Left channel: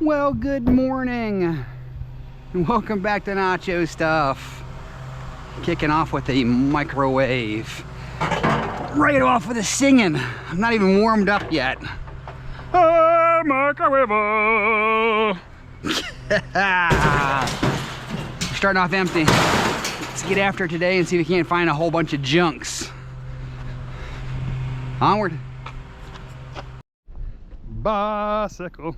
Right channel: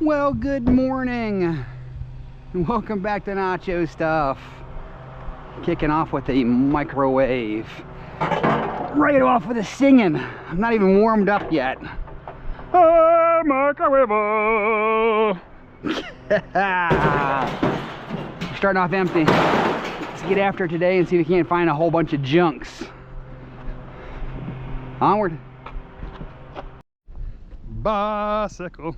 Well, good morning and welcome back to Nacho Stuff. Kicking off with a microwave. Right off with the singing. I'm not even warmed up yet. Oh, microwave. We're starting off empty. Let's get after it today and see if we can't find a whole bunch of junks. Onward. Bicycle.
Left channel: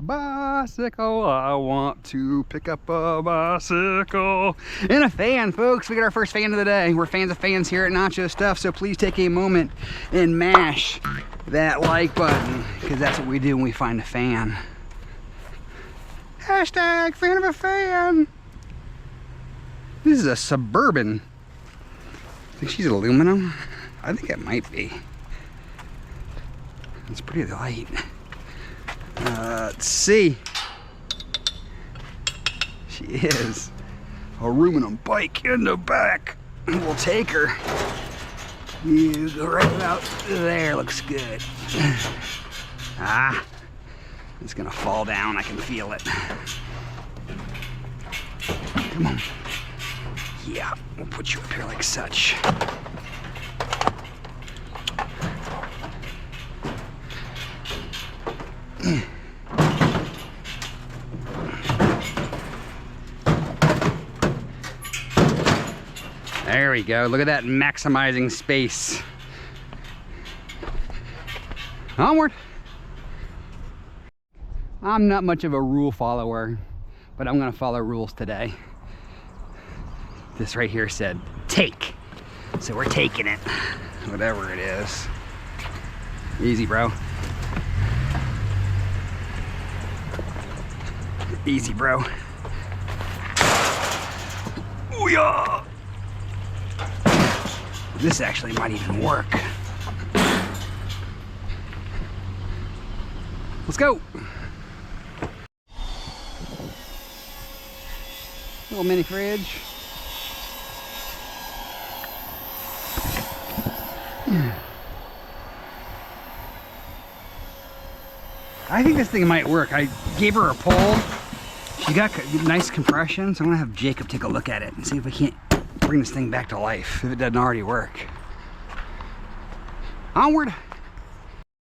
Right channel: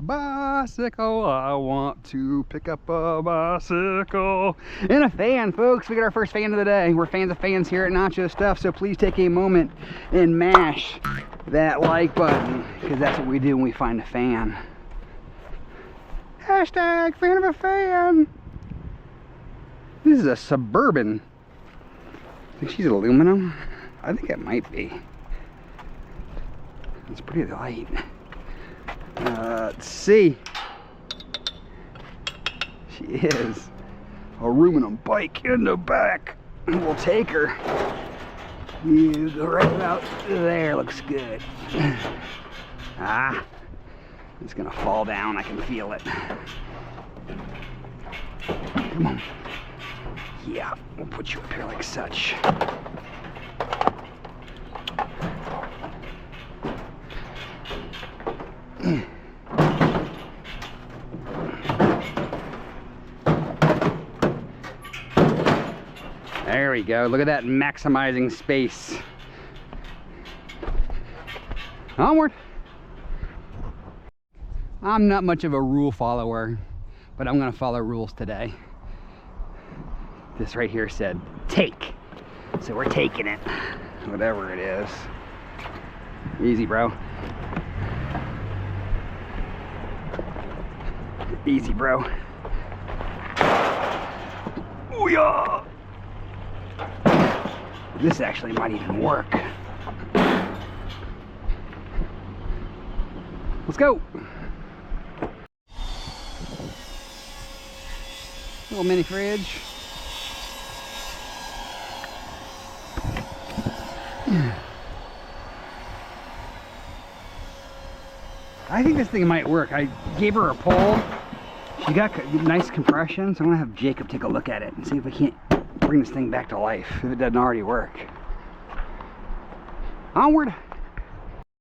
Bicycle, I want to pick up a bicycle. And a fan, folks. We got our first fan of the day. We're fans of fans here at Nacho Stuff, so please take a moment and mash that like button, because that's what we do when we find a fan. Hashtag fan of a fan. This is a Suburban. I think she's aluminum. I think it might be. It's pretty light. Let's see. She is. Aluminum bike in the back. We'll take her. You go right about there. Looks good. Ah. It's gonna fall down. I can feel it. Come on. Yeah, we'll put you up here like such. There we go. Look at that, maximizing space. Onward. I'm not much of a rule follower, but I'm gonna follow rules today. This right here said take, so we're taking it, whatever it is. Easy, bro. Easy, bro. Ooh, yeah. This actually might even work. Let's go. Little mini fridge. I think this thing might work. I gave her a pull. She got nice compression, so I'm gonna have Jacob take a look at it and see if we can't bring this thing back to life if it doesn't already work. Onward.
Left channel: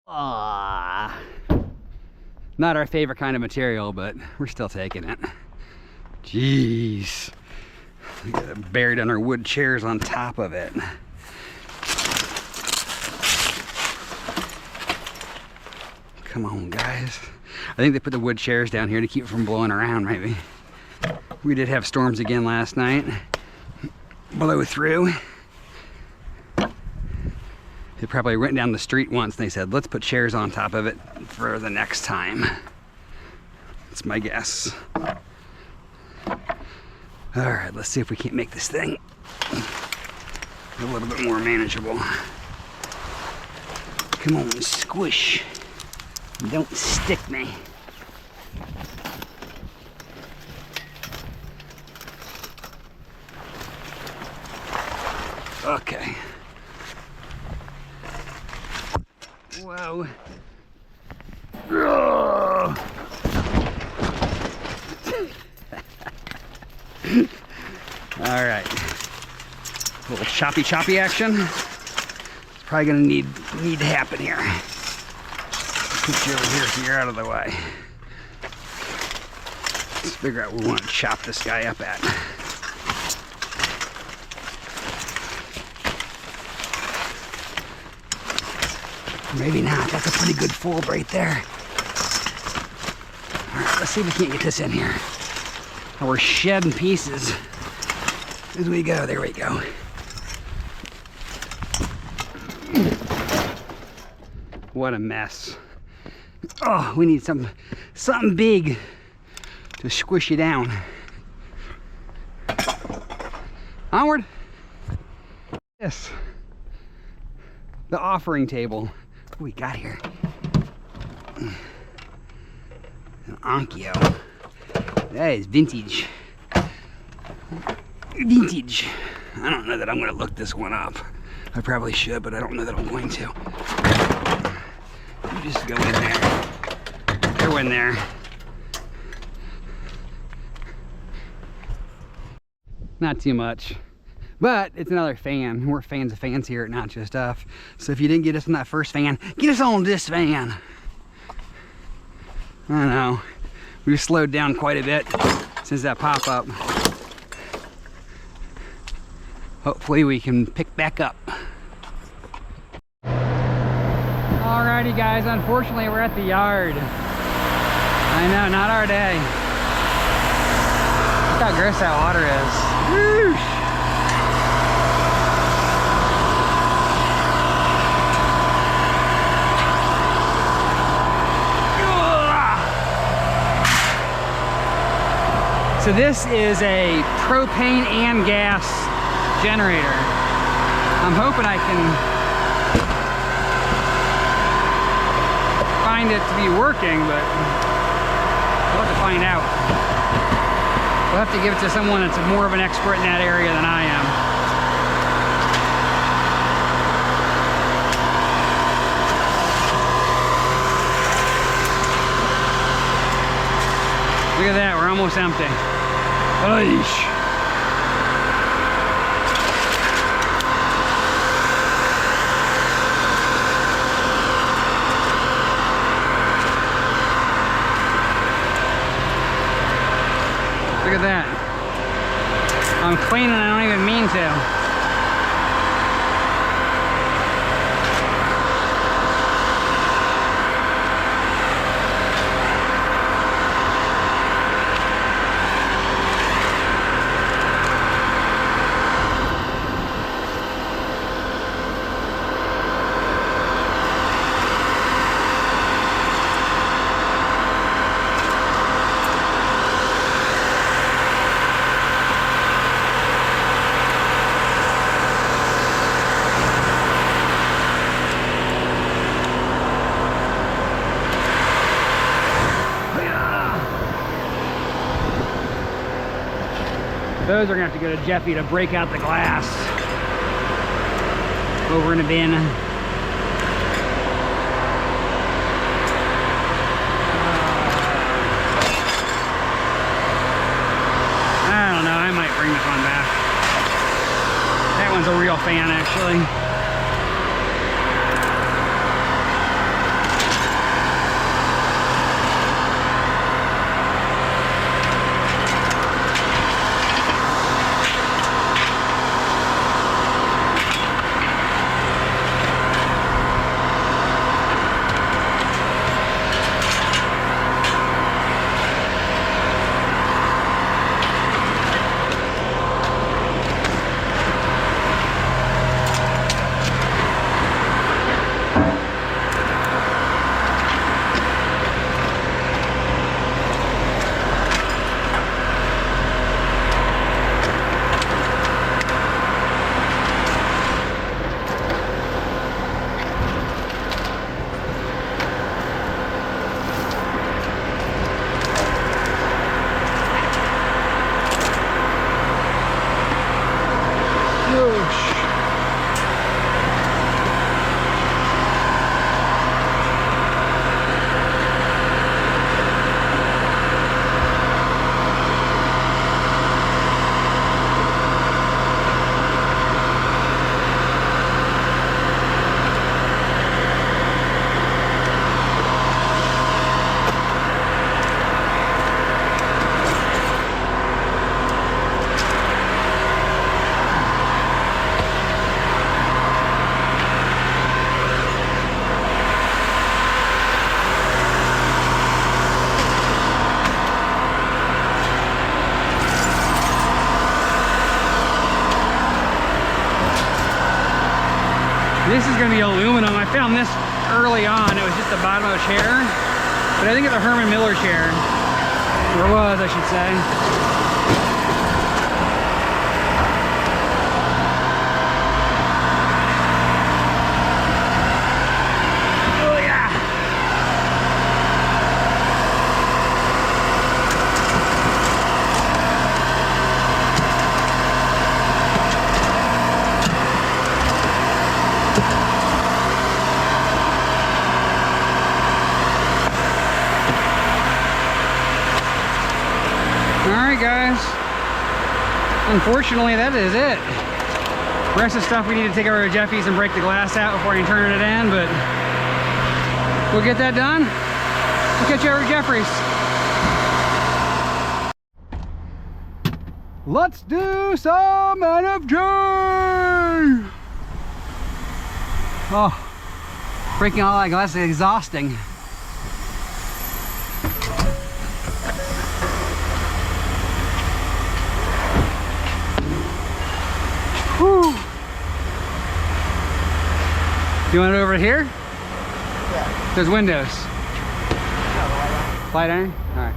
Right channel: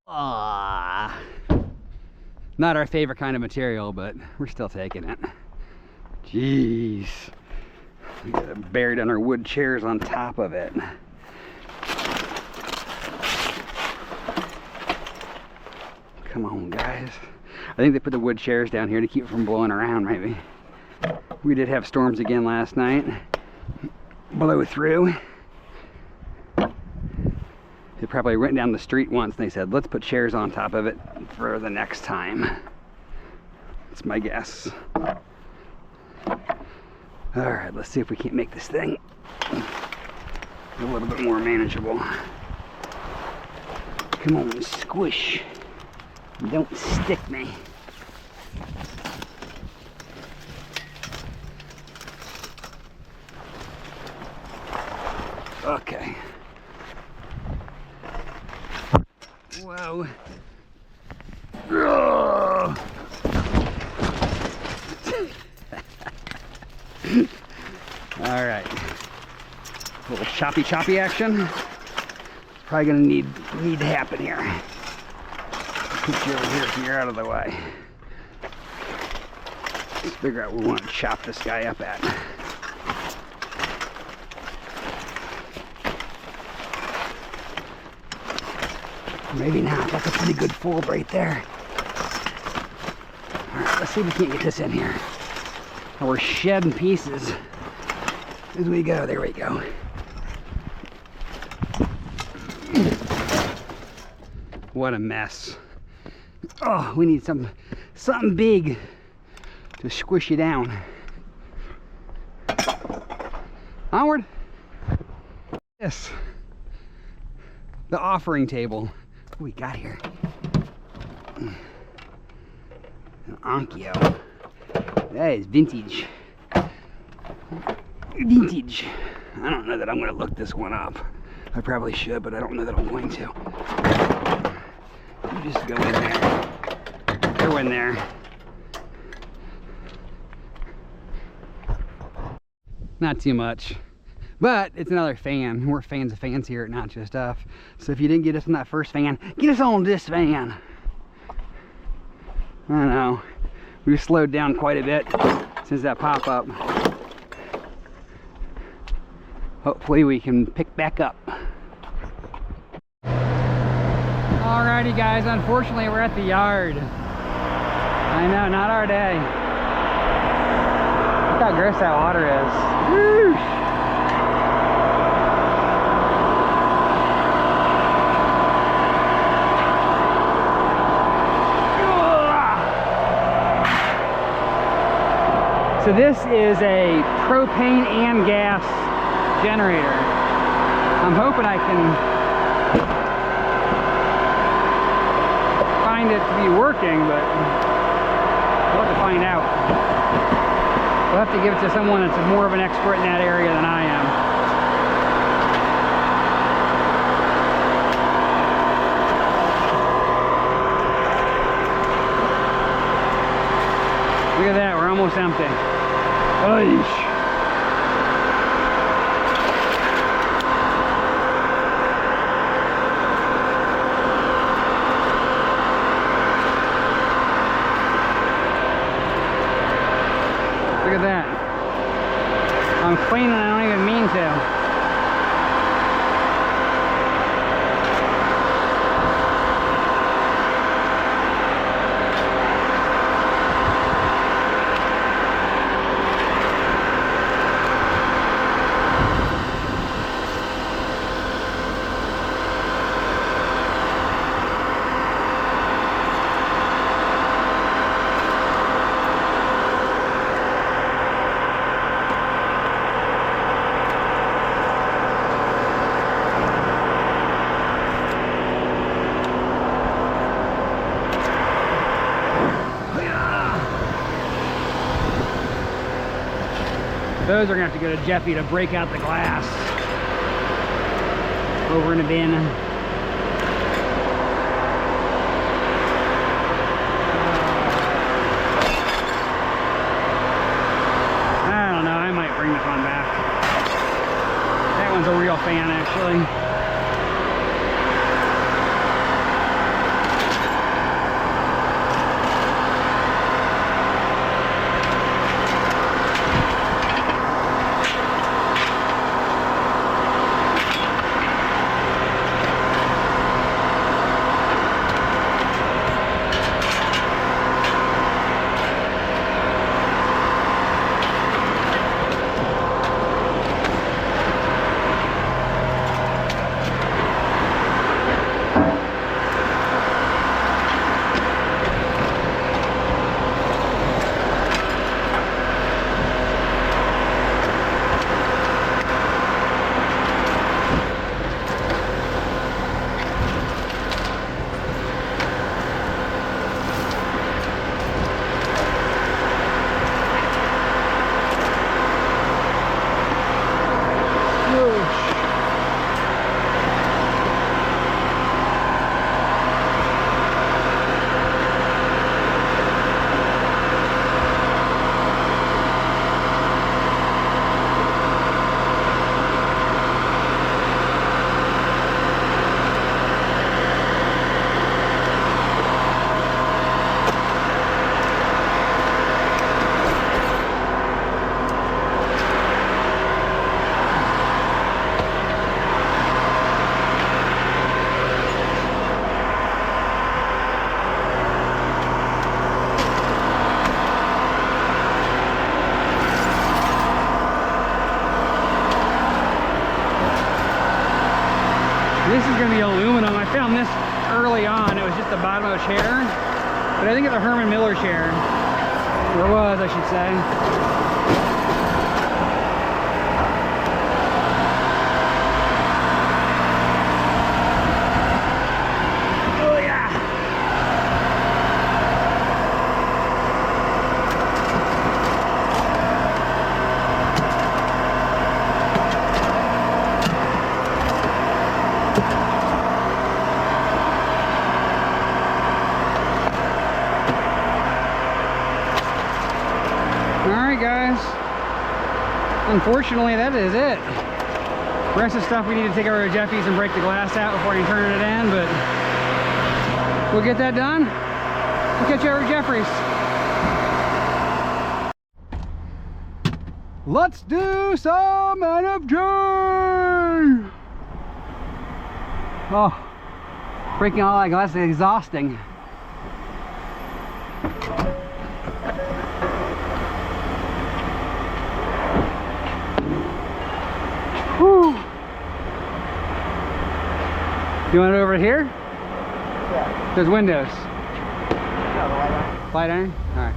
Ah, not our favorite kind of material, but we're still taking it. Jeez, we got it buried under wood chairs on top of it. Come on, guys. I think they put the wood chairs down here to keep it from blowing around, maybe. We did have storms again last night. Blew through. They probably went down the street once and they said, let's put chairs on top of it for the next time. That's my guess. All right, let's see if we can't make this thing a little bit more manageable. Come on, squish. Don't stick me. Okay. Whoa. All right. A little choppy action. It's probably gonna need to happen here. Put you over here so you're out of the way. Let's figure out where we want to chop this guy up at. Maybe not. That's a pretty good fold right there. All right, let's see if we can't get this in here. Oh, we're shedding pieces as we go. There we go. What a mess. Oh, we need something big to squish you down. Onward. Yes. The offering table. What do we got here? An Onkyo. That is vintage. Vintage. I don't know that I'm going to look this one up. I probably should, but I don't know that I'm going to. You just go in there. Go in there. not too much. But it's another fan. We're fans of fans here at Nacho Stuff. So if you didn't get us on that first fan, get us on this fan. I don't know. We've slowed down quite a bit since that pop-up. Hopefully we can pick back up. Alrighty guys, unfortunately we're at the yard. I know, not our day. Look how gross that water is. Whoosh. So this is a propane and gas generator. I'm hoping I can find it to be working, but we'll have to find out. We'll have to give it to someone that's more of an expert in that area than I am. Look at that, we're almost empty. Oish. Look at that. I'm cleaning, I don't even mean to. Those are gonna have to go to Jeffy to break out the glass over in a bin. I don't know, I might bring this one back. That one's a real fan actually. This is going to be aluminum. I found this early on. It was just the bottom of a chair. But I think it's a Herman Miller chair. Or was, I should say. Alright guys, unfortunately, that is it. The rest of the stuff we need to take over to Jeffy's and break the glass out before I can turn it in, but we'll get that done. We'll catch you over at Jeffrey's. Let's do some NFJ! Oh, breaking all that glass is exhausting. Whew. You want it over here? Yeah. Those windows. No, the light iron. Light iron? All right.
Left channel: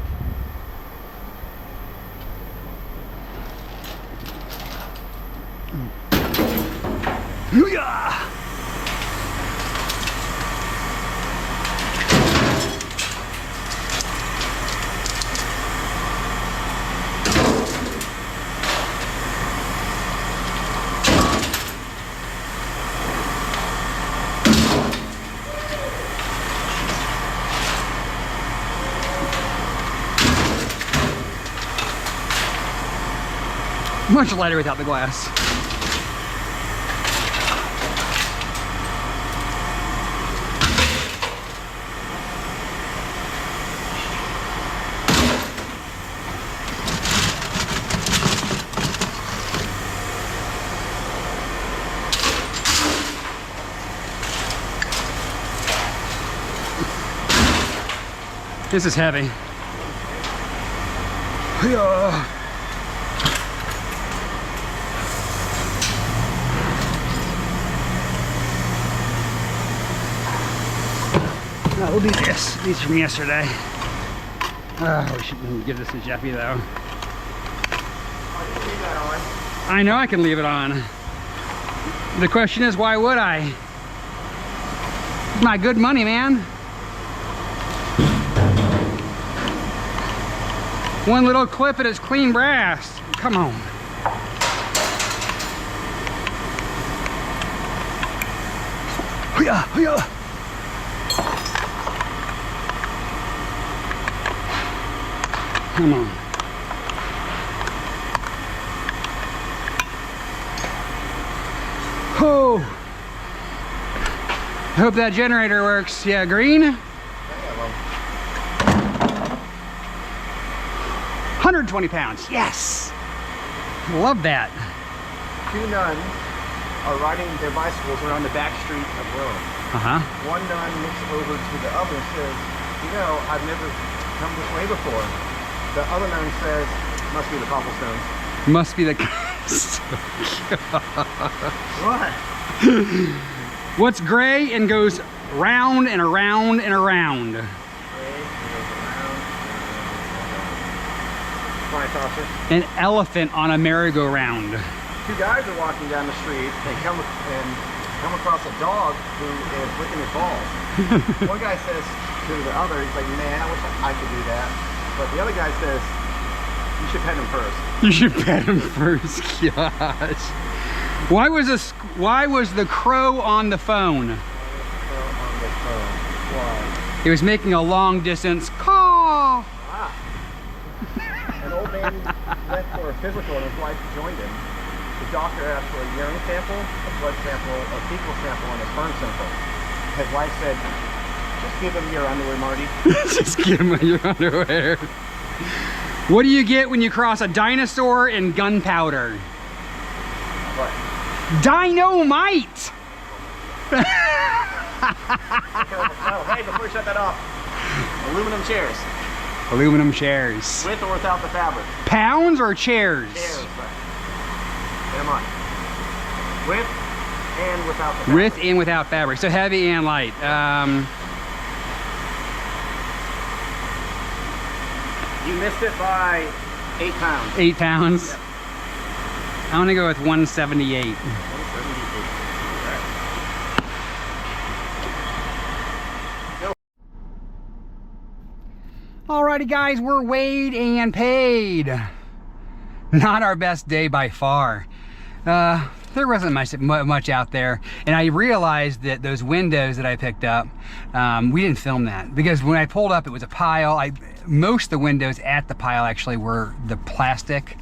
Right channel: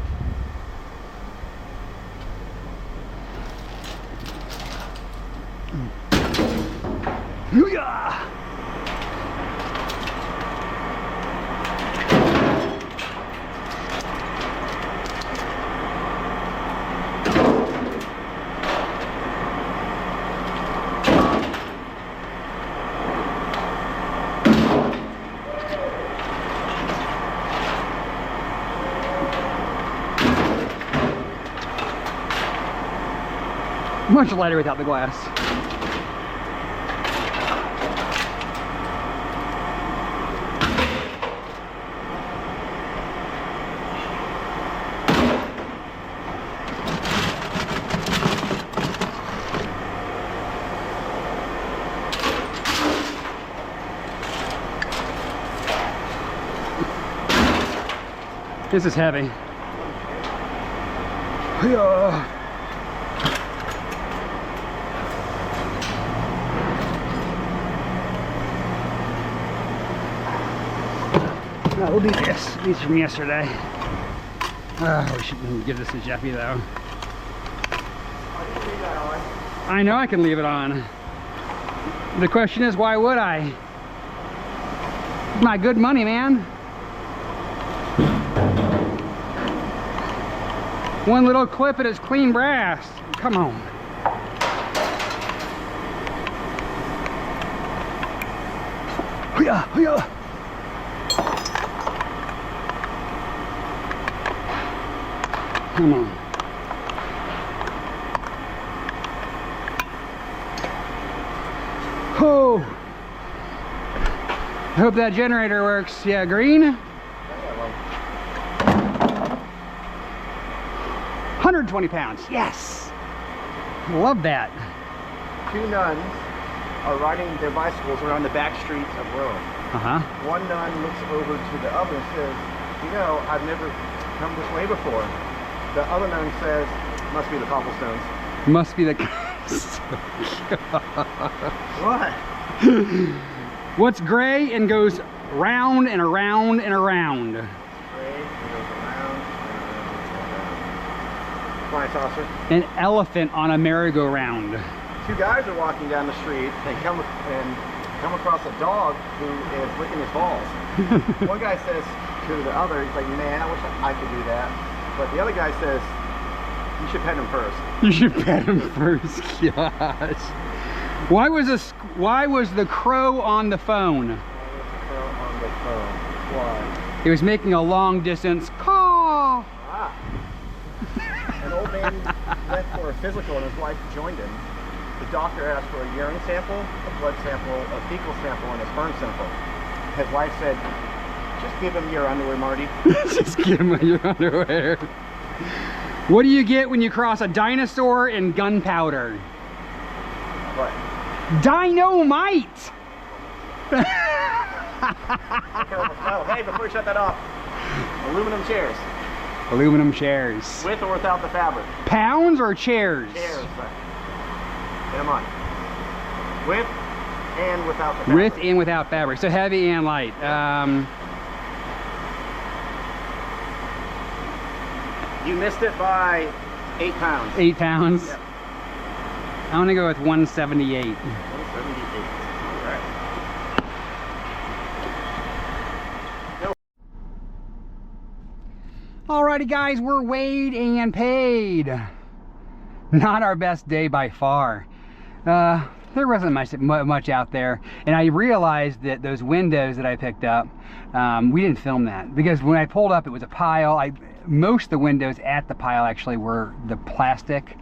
Hoo-yah! Much lighter without the glass. This is heavy. Yeah. No, we'll do this. These from yesterday. We shouldn't give this to Jeffy though. I know I can leave it on. The question is, why would I? It's my good money, man. One little clip and it's clean brass. Come on. Hoo-yah, hoo-yah. Come on. Oh. I hope that generator works. Yeah, green. 120 pounds, yes! Love that. Two nuns are riding their bicycles around the back street of Rome. One nun looks over to the other and says, you know, I've never come this way before. The other nun says, must be the cobblestones. Must be the... What? What's gray and goes round and around and around? An elephant on a merry-go-round. Two guys are walking down the street. They come across a dog who is licking his balls. One guy says to the other, he's like, man, I wish I could do that. But the other guy says, you should pet him first. You should pet him first. Gosh. Why was the crow on the phone? Why was the crow on the phone? Why? It was making a long distance caw. Ah. An old man went for a physical and his wife joined him. The doctor asked for a urine sample, a blood sample, a fecal sample, and a sperm sample. His wife said, just give him your underwear, Marty. Just give him your underwear. What do you get when you cross a dinosaur and gunpowder? What? Dynamite! Hey, before you shut that off, aluminum chairs. Aluminum chairs. With or without the fabric? Pounds or chairs? Chairs, but get them on. With and without the fabric. With and without fabric. So heavy and light. You missed it by 8 pounds. 8 pounds? Yep. I want to go with 178. 178. All right. Alrighty guys, we're weighed and paid. Not our best day by far. There wasn't much out there, and I realized that those windows that I picked up, we didn't film that because when I pulled up it was a pile. Most of the windows at the pile actually were the plastic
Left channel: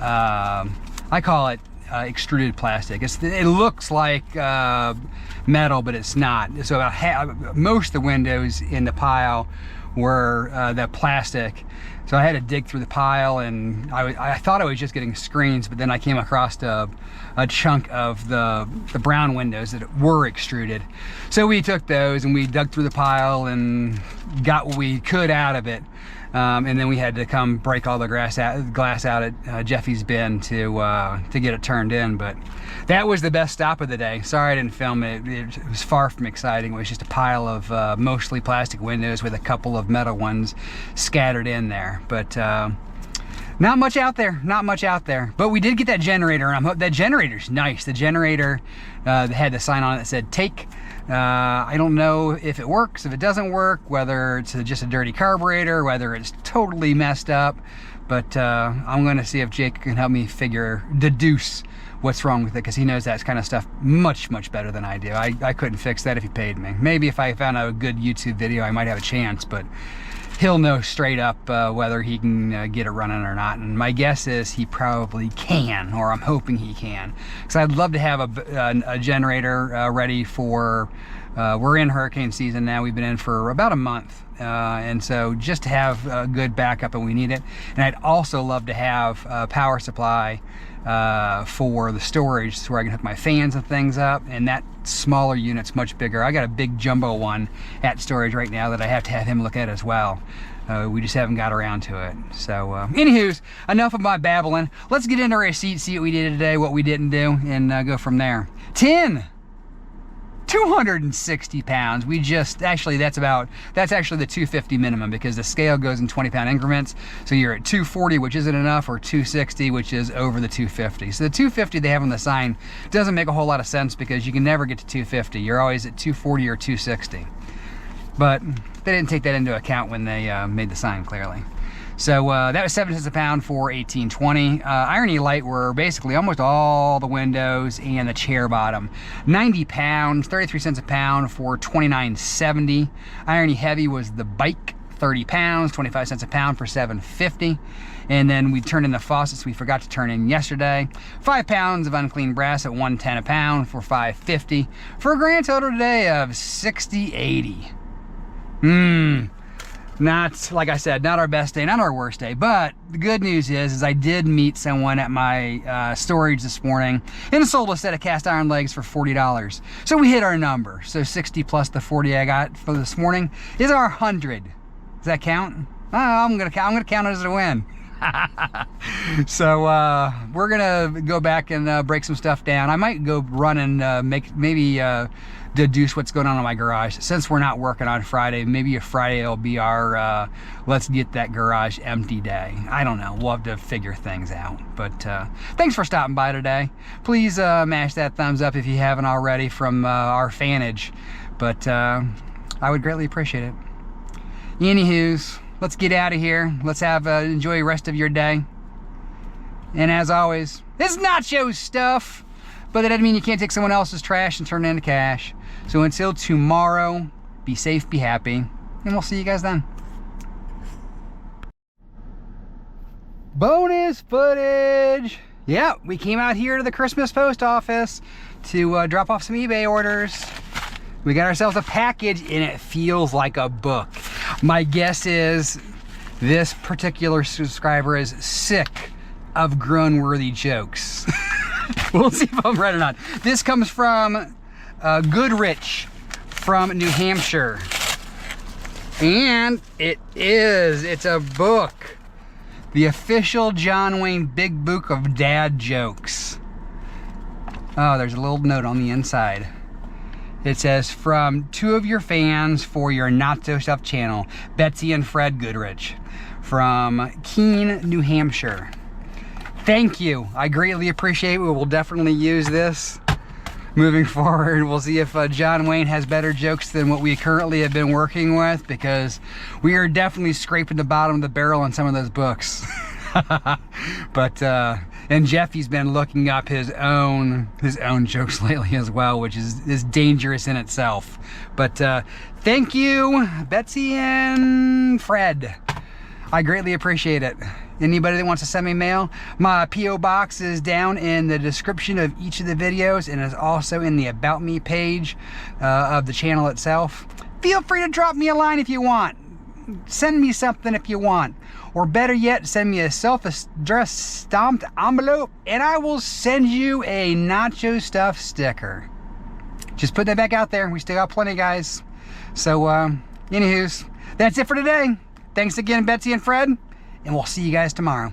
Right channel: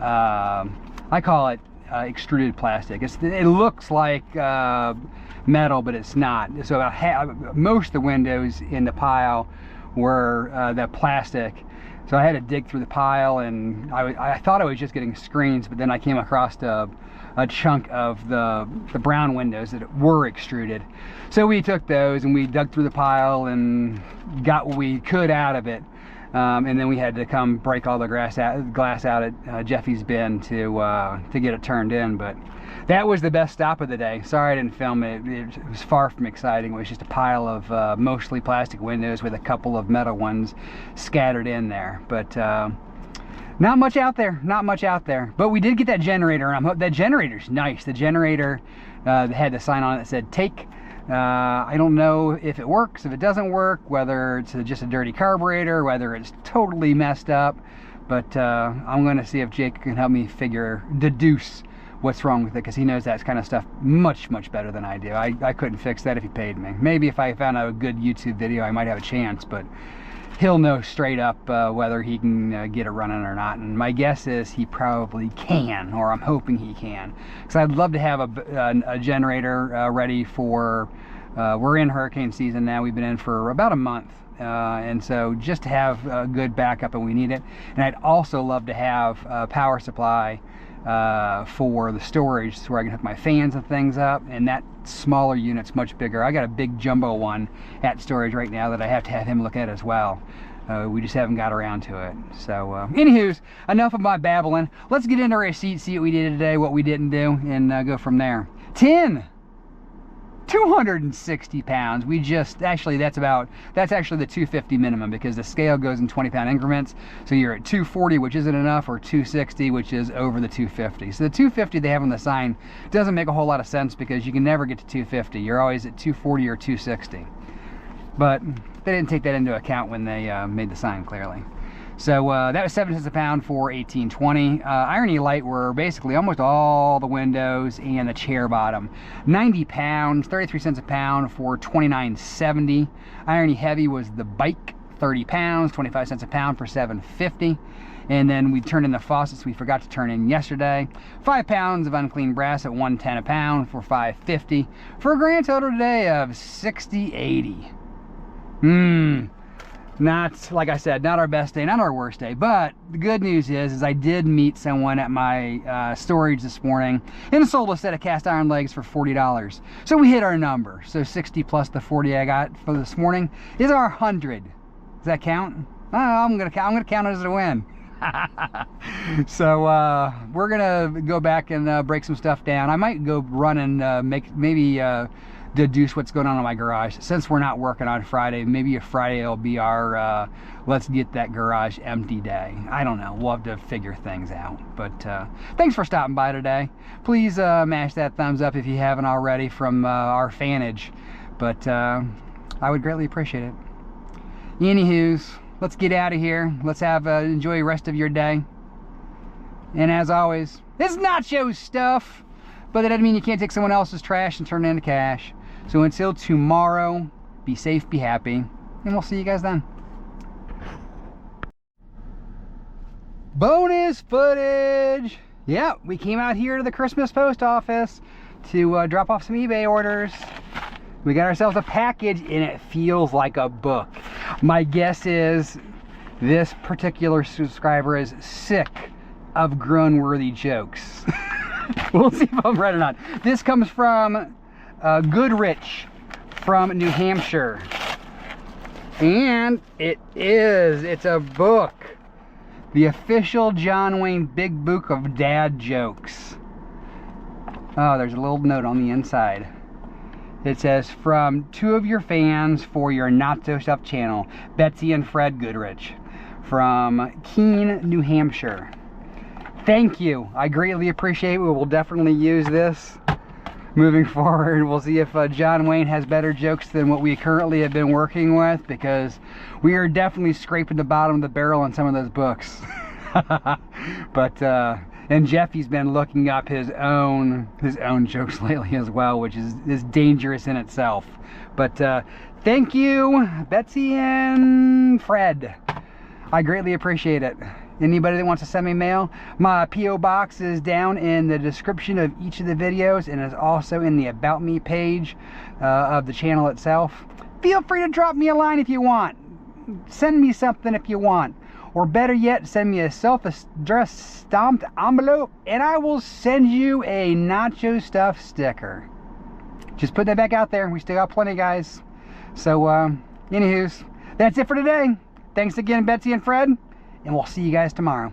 I call it extruded plastic. It looks like metal, but it's not. So about most of the windows in the pile were the plastic. So I had to dig through the pile, and I thought I was just getting screens, but then I came across a chunk of the brown windows that were extruded. So we took those and we dug through the pile and got what we could out of it. And then we had to come break all the glass out at Jeffy's bin to get it turned in. But that was the best stop of the day. Sorry I didn't film it. It was far from exciting. It was just a pile of mostly plastic windows with a couple of metal ones scattered in there. But not much out there, not much out there. But we did get that generator, and that generator's nice. The generator had the sign on it that said take. I don't know if it works, if it doesn't work, whether it's just a dirty carburetor, whether it's totally messed up, but I'm going to see if Jake can help me deduce what's wrong with it, because he knows that kind of stuff much, much better than I do. I couldn't fix that if he paid me. Maybe if I found out a good YouTube video, I might have a chance, but he'll know straight up whether he can get it running or not. And my guess is he probably can, or I'm hoping he can. Because I'd love to have a generator ready for, we're in hurricane season now. We've been in for about a month. And so just to have a good backup when we need it. And I'd also love to have a power supply for the storage, so where I can hook my fans and things up, and that smaller unit's much bigger. I got a big jumbo one at storage right now that I have to have him look at as well. We just haven't got around to it. So anywho's, enough of my babbling. Let's get into our receipt, see what we did today, what we didn't do, and go from there. 260 pounds. We just, actually that's actually the 250 minimum, because the scale goes in 20-pound increments. So you're at 240, which isn't enough, or 260, which is over the 250. So the 250 they have on the sign doesn't make a whole lot of sense, because you can never get to 250. You're always at 240 or 260. But they didn't take that into account when they made the sign, clearly. So that was 7 cents a pound for 1820. Irony Light were basically almost all the windows and the chair bottom. 90 pounds, 33 cents a pound for 29.70. Irony Heavy was the bike, 30 pounds, 25 cents a pound for 7.50. And then we turned in the faucets we forgot to turn in yesterday. 5 pounds of unclean brass at 110 a pound for 5.50, for a grand total today of 60.80. Not, like I said, not our best day, not our worst day, but the good news is I did meet someone at my storage this morning and sold a set of cast iron legs for $40. So we hit our number. So 60 plus the 40 I got for this morning is our 100. Does that count? Oh, I'm gonna count it as a win. So we're gonna go back and break some stuff down. I might go run and maybe deduce what's going on in my garage. Since we're not working on Friday, maybe a Friday will be our let's get that garage empty day. I don't know, we'll have to figure things out. But thanks for stopping by today. Please mash that thumbs up if you haven't already from our fanage, but I would greatly appreciate it. Anywho's, let's get out of here. Let's have enjoy the rest of your day. And as always, it's Nacho Stuff, but that doesn't mean you can't take someone else's trash and turn it into cash. So until tomorrow, be safe, be happy, and we'll see you guys then. Bonus footage. Yeah, we came out here to the Christmas post office to drop off some eBay orders. We got ourselves a package, and it feels like a book. My guess is this particular subscriber is sick of groan-worthy jokes. We'll see if I'm right or not. This comes from Goodrich from New Hampshire. And it's a book. The official John Wayne Big Book of Dad Jokes. Oh, there's a little note on the inside. It says, from 2 of your fans for your Nacho Stuff channel, Betsy and Fred Goodrich, from Keene, New Hampshire. Thank you. I greatly appreciate it. We will definitely use this moving forward. We'll see if John Wayne has better jokes than what we currently have been working with, because we are definitely scraping the bottom of the barrel on some of those books. But and Jeffy's been looking up his own jokes lately as well, which is dangerous in itself. But thank you, Betsy and Fred. I greatly appreciate it. Anybody that wants to send me mail, my P.O. box is down in the description of each of the videos and is also in the About Me page of the channel itself. Feel free to drop me a line if you want. Send me something if you want. Or better yet, send me a self-addressed stamped envelope and I will send you a Nacho Stuff sticker. Just put that back out there. We still got plenty, guys. So, anywho's, that's it for today. Thanks again, Betsy and Fred, and we'll see you guys tomorrow.